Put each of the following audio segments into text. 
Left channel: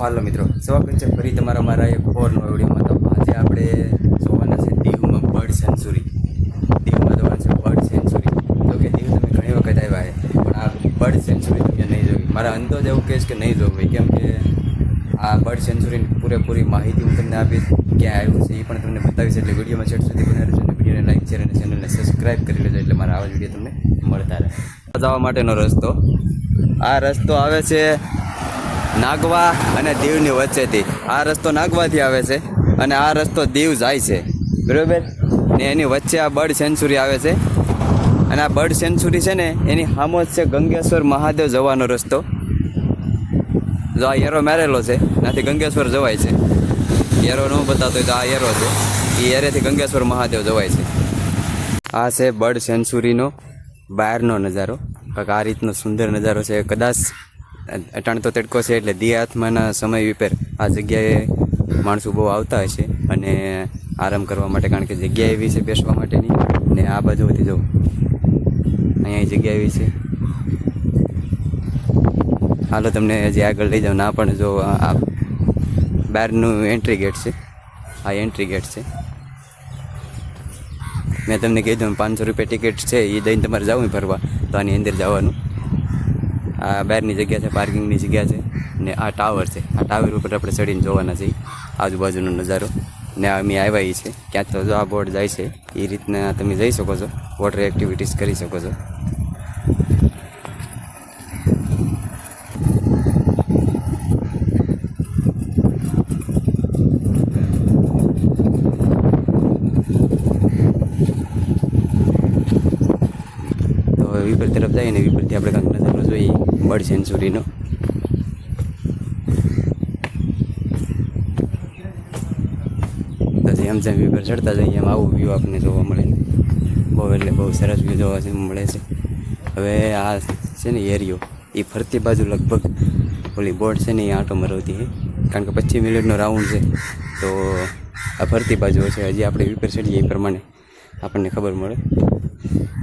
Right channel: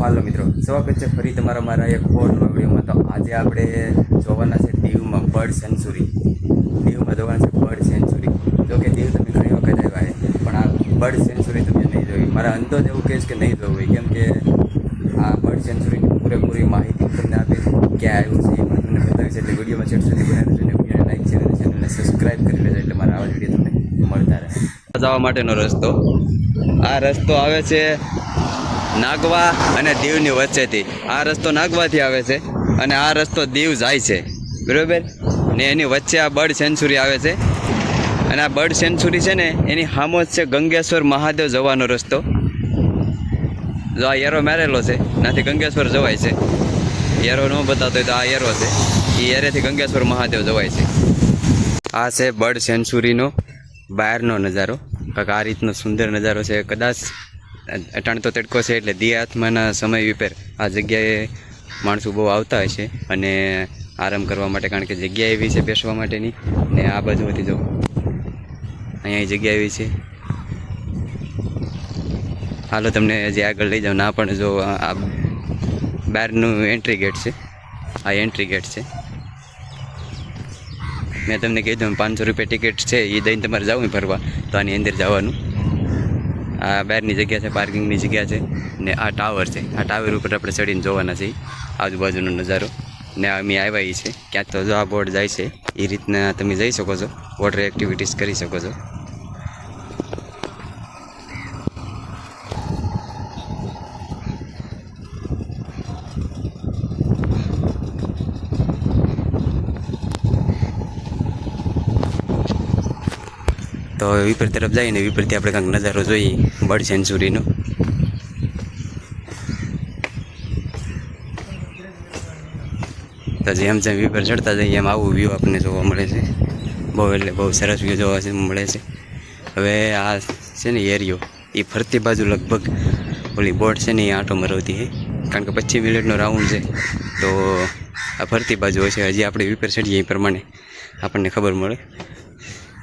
હાલો મિત્રો, સ્વાગત છે ફરી તમારા મારા એક ઓર નવા વિડીયોમાં। તો આજે આપણે જોવાના છે દીવમાં બર્ડ સેન્ચુરી। દીવમાં જોવાના છે બર્ડ સેન્ચુરી। જો કે દીવ તમે ઘણી વખત આવ્યા છે, પણ આ બર્ડ સેન્ચુરી તમે નહીં જોઈ। મારા અંદાજ એવું કહેશ કે નહીં જોવી, કેમ કે આ બર્ડ સેન્ચુરીની પૂરેપૂરી માહિતી હું તમને આપીશ, ક્યાં આવ્યું છે એ પણ તમને બતાવીશ। એટલે વિડીયોમાં છેલ્લે સુધી બનાવી લેજો અને વિડીયોને લાઈક શેર અને ચેનલને સબસ્ક્રાઈબ કરી લેજો, એટલે મારા આવા વિડીયો તમને મળતા રહે। જવા માટેનો રસ્તો, આ રસ્તો આવે છે નાગવા અને દીવની વચ્ચેથી। આ રસ્તો નાગવાથી આવે છે અને આ રસ્તો દીવ જાય છે, બરાબર ને। એની વચ્ચે આ બર્ડ સેન્ચુરી આવે છે અને આ બર્ડ સેન્ચુરી છે ને એની સામો જ છે ગંગેશ્વર મહાદેવ જવાનો રસ્તો। જો આ એરો મારેલો છે, નાથી ગંગેશ્વર જવાય છે। એરો ન બતાવતો હોય તો આ એરો છે, એ એરેથી ગંગેશ્વર મહાદેવ જવાય છે। આ છે બર્ડ સેન્ચુરીનો બહારનો નજારો, કાંઈક આ રીતનો સુંદર નજારો છે। કદાચ અટાણ તો તડકો છે એટલે દી આત્માના સમય વિપેર આ જગ્યાએ માણસો બહુ આવતા હશે અને આરામ કરવા માટે, કારણ કે જગ્યા એવી છે બેસવા માટેની। ને આ બાજુથી જો અહીંયા જગ્યા એવી છે। હાલો તમને હજી આગળ લઈ જાઓ। ના પણ જો આ બહારનું એન્ટ્રી ગેટ છે, આ એન્ટ્રી ગેટ છે। મેં તમને કીધું 500 રૂપિયા ટિકિટ છે, એ દઈને તમારે જવું ફરવા તો આની અંદર જવાનું। આ બહારની જગ્યા છે, પાર્કિંગની જગ્યા છે ને આ ટાવર છે। આ ટાવર ઉપર આપણે ચડીને જોવાના છે આજુબાજુનો નજારો। ને અમે આવ્યા છે ક્યાંક તો જો આ બોર્ડ જાય છે, એ રીતના તમે જઈ શકો છો, વોટર એક્ટિવિટીઝ કરી શકો છો। તો વિપર તરફ જઈને વિપરથી આપણે કાંઈક નજારો જોઈએ બર્ડ સેન્ચુરીનો। તો જેમ જેમ વિપર ચડતા જઈએ એમ આવું વ્યૂ આપણને જોવા મળે છે। બહુ એટલે બહુ સરસ વ્યૂ જોવા મળે છે। હવે આ છે ને એરિયો, એ ફરતી બાજુ લગભગ ઓલી બોટ છે ને એ આંટો મરવતી છે, કારણ કે 25 મિનિટનો રાઉન્ડ છે। તો આ ફરતી બાજુ હોય છે। હજી આપણે વિપર ચડીએ એ પ્રમાણે આપણને ખબર મળે।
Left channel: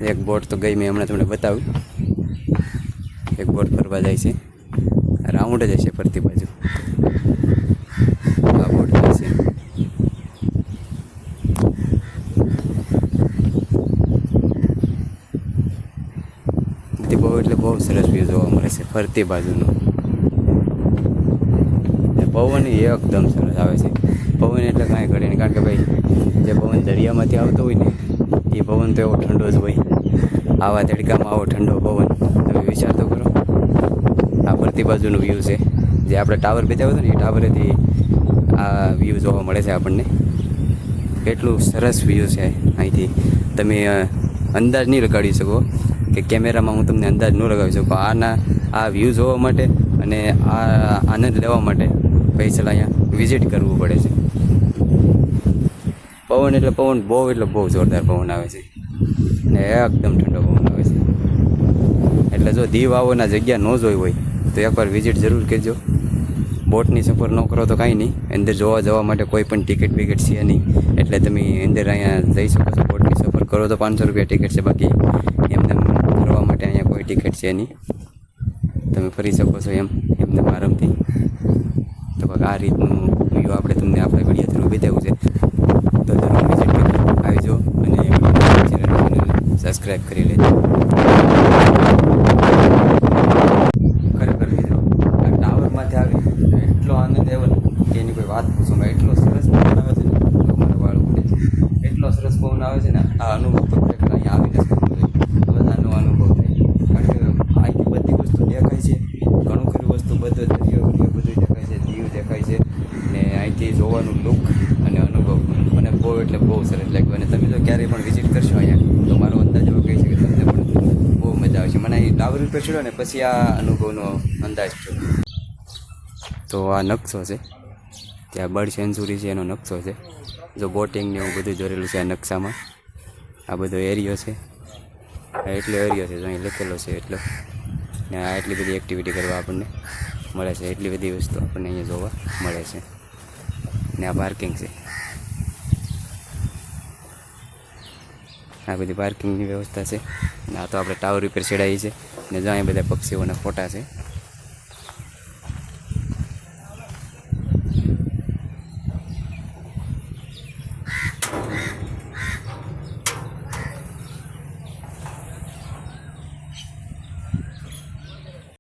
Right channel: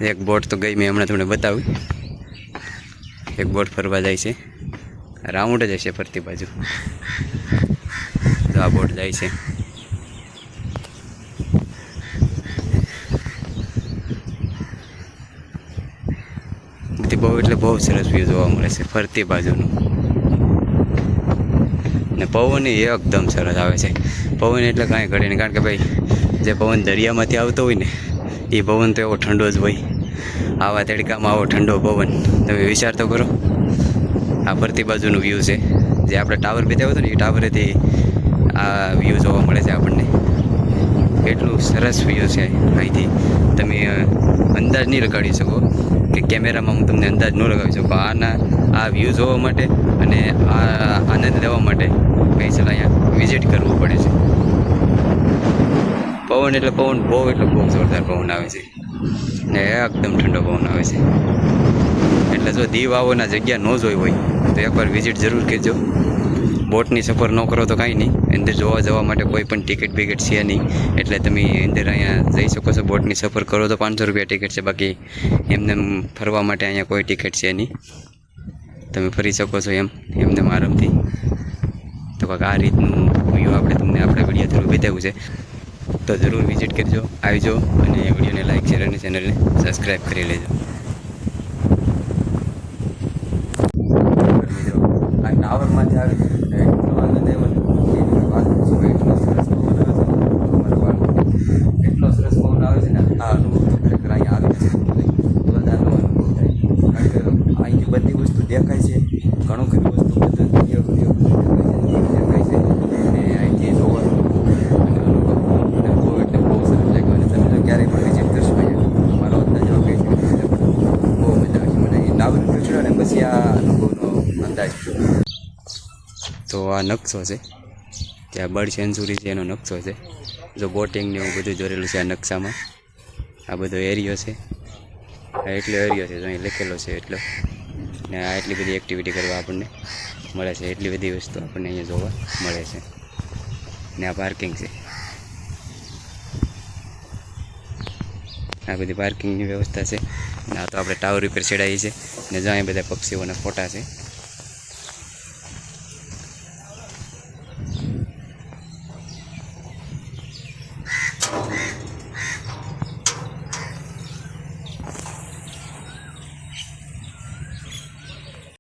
એક બોટ તો ગઈ, મેં હમણાં તમને બતાવી, એક બોટ ફરવા જાય છે, રાઉન્ડ જ હશે ફરતી બાજુ। આ બોટ જાય છે, બધી બહુ એટલે બહુ સરસ વ્યૂ જોવા મળે છે ફરતી બાજુનું। ને પવન એકદમ સરસ આવે છે। પવન એટલે કાંઈ ઘડે નહીં, કારણ કે ભાઈ જે પવન દરિયામાંથી આવતો હોય ને એ પવન તો એવો ઠંડો જ હોય। આવા તડકામાં આવો ઠંડો પવન, તમે વિચાર તો કરો। આ ફરતી બાજુનું વ્યૂ છે, જે આપણે ટાવર બેઠા હતો ને એ ટાવરેથી આ વ્યૂ જોવા મળે છે આપણને। કેટલું સરસ વ્યૂ છે અહીંથી, તમે અંદાજ નહીં લગાડી શકો, કે કેમેરામાં હું તમને અંદાજ ન લગાવી શકું। આ વ્યૂ જોવા માટે અને આ આનંદ લેવા માટે સ્પેશિયલ અહીંયા વિઝિટ કરવું પડે છે। પવન એટલે પવન બહુ એટલે બહુ જોરદાર પવન આવે છે ને એકદમ ઠંડો પવન આવે છે। એટલે જો દીવ આવોના જગ્યા ન જોઈ હોય તો એકવાર વિઝિટ જરૂર કરજો। બોટની સફર ન કરો તો કાંઈ નહીં, અંદર જોવા જવા માટે કોઈ પણ ટિકિટ બિકિટ છે નહીં, એટલે તમે અંદર અહીંયા જઈ શકો છો। બોટની સફર કરો તો 500 રૂપિયા ટિકિટ છે, બાકી એમને ફરવા માટે અહીંયા કોઈ ટિકિટ છે નહીં, તમે ફરી શકો છો એમને આરામથી। તો કાંઈક આ રીતનું વ્યૂ આપણે તમને આપણા વિડીયો થ્રુ બતાવ્યું છે, તો જરૂર વિઝિટ કરજો, આવજો અને વિડીયોને લાઈક શેર અને ચેનલને સબસ્ક્રાઈબ કરી લેજો। ખરેખર મિત્રો આ ટાવરમાંથી આવી એટલો આનંદ આવ્યો ને કે એની કોઈ વાત પૂછું। એટલો સરસ પવન આવે છે ને, મારા બાળકો એટલો સરસ પવન આવે છે ને, આ અનુભવ તો ખરેખર અહીંયા આવીને જ કરવો જોઈએ, બધાનો અનુભવ થાય। કારણ કે અહીંથી બધી વસ્તુ દેખાય છે, ઘણું ખરી વસ્તુ બધું દેખાય છે, દીવ દેખાય છે, અને અહીંથી જોવાનું લુક અને અનુભવ મને બહુ એટલે બહુ સરસ લાગ્યો। અને તમે જો ક્યારેય પણ વિઝિટ કરશો અહીંયા તો મારો અંદાજ એવો કહે છે કે તમને પણ બહુ મજા આવશે। મને અહીં ટાવર ઉપર ચડ્યો ને પછી આ અનુભવનો અંદાજ થયો। તો આ નકશો છે, ત્યાં બર્ડ સેન્ચુરી છે એનો નકશો છે। જો બોટિંગ ને એવું બધું દોરેલું છે આ નકશામાં। આ બધો એરિયો છે, આ એટલો એરિયો છે જો અહીં લખેલો છે એટલો, ને આ એટલી બધી એક્ટિવિટી કરવા આપણને મળે છે, એટલી બધી વસ્તુ આપણને અહીંયા જોવા મળે છે। ને આ પાર્કિંગ છે, આ બધી પાર્કિંગની વ્યવસ્થા છે। ને આ તો આપણે ટાવર ઉપર ચડાવી છે, ને જો અહીંયા બધા પક્ષીઓના ફોટા છે।